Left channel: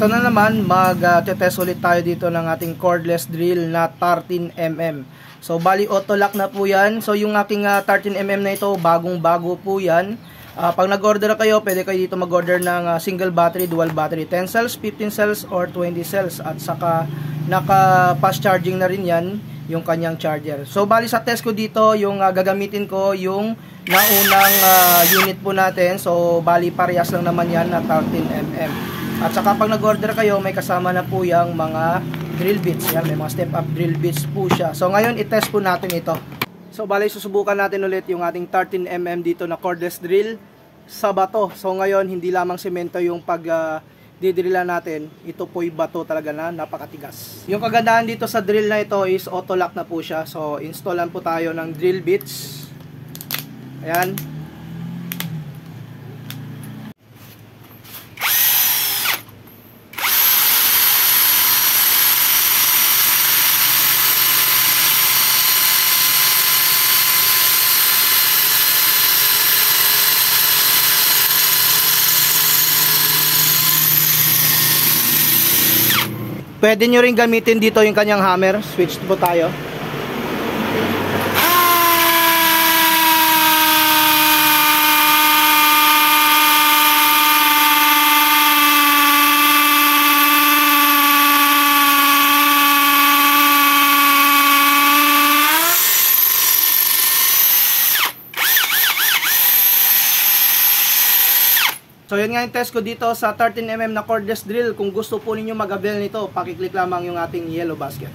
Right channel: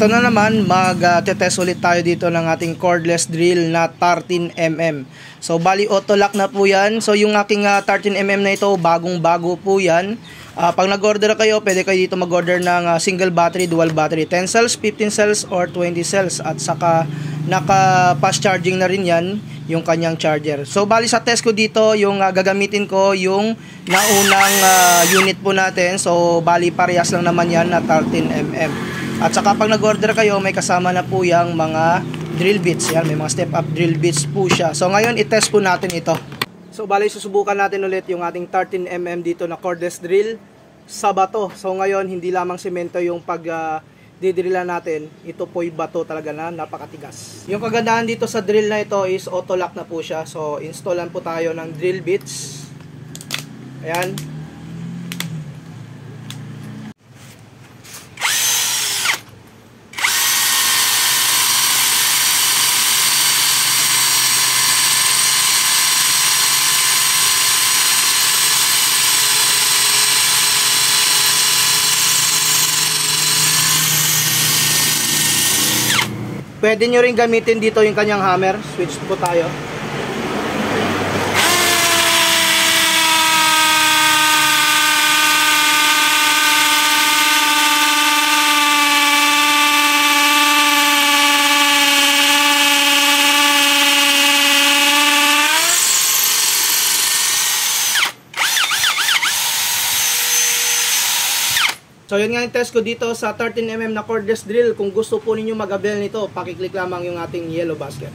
ito na naman, mag-test ulit tayo dito ng ating cordless drill na 13mm. So, bali auto lock na po yan. So, yung aking 13mm na ito, bagong-bago po yan. Pag nag-order kayo, pwede kayo dito mag-order ng single battery, dual battery, 10 cells, 15 cells, or 20 cells. At saka, naka-fast charging na rin yan, yung kanyang charger. So, bali sa test ko dito, yung gagamitin ko, yung naunang unit po natin. So, bali parehas lang naman yan na 13mm. At saka pag nag-order kayo, may kasama na po yung mga drill bits. Yan, may mga step up drill bits po siya. So ngayon, i-test po natin ito. So bali, susubukan natin ulit yung ating 13mm dito na cordless drill sa bato. So ngayon, hindi lamang semento yung didrillan natin. Ito po yung bato talaga na napakatigas. Yung kagandahan dito sa drill na ito is auto lock na po siya. So installan po tayo ng drill bits. Ayan. Pwede nyo rin gamitin dito yung kanyang hammer. Switch po tayo. So yun nga yung test ko dito sa 13mm na cordless drill. Kung gusto po ninyo mag-avail nito, pakiclick lamang yung ating yellow basket.